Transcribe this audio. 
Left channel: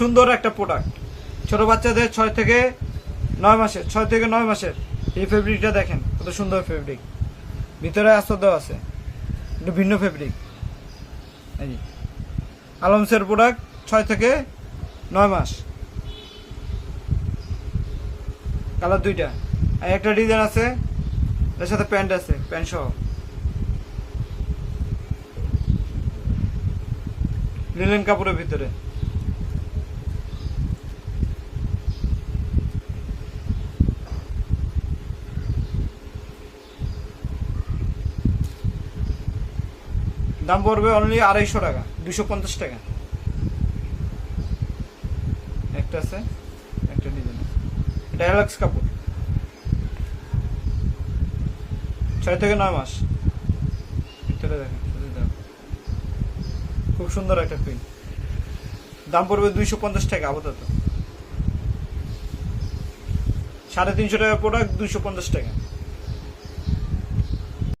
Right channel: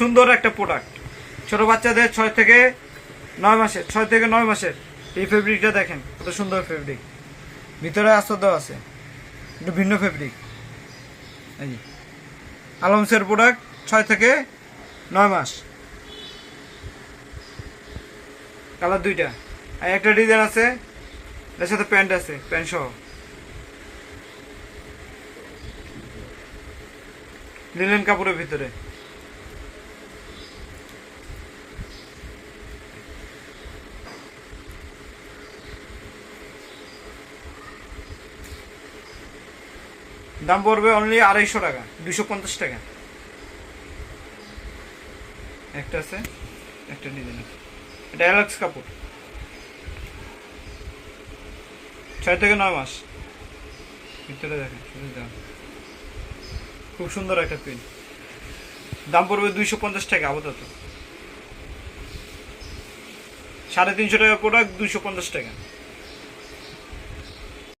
সুন্দর একটা প্রোডাক্ট, ছোট বাচ্চাদের 6 থেকে 9 মাসের, 6 থেকে 9 মাসের। এই ফেব্রিকটা দেখেন কত সুন্দর ফেব্রিক, ভিতরে আস্তর দেওয়া আছে, একটু ভিন্ন ফেব্রিক। এই আলমসের প্রোডাক্ট 6 থেকে 9 মাস, কালার দুইটা। আর একটা ডিজাইন আছে, এর সাথে প্যান্ট আছে, প্যান্ট সহ, লিনেন কাপড়ের ভিতরে। দাম পড়বে অনলি 250 টাকা, 250 টাকা। একটা আছে, একটা ডিজাইন আছে, এটা অ্যালেক্স কাপড়, 6 থেকে 9 মাস। ভিতরে দেখেন, খুব সুন্দর একটা প্রিন্ট। দাম পড়বে 250 টাকা আপাতত। 350 টাকা প্রোডাক্ট, 250 টাকা।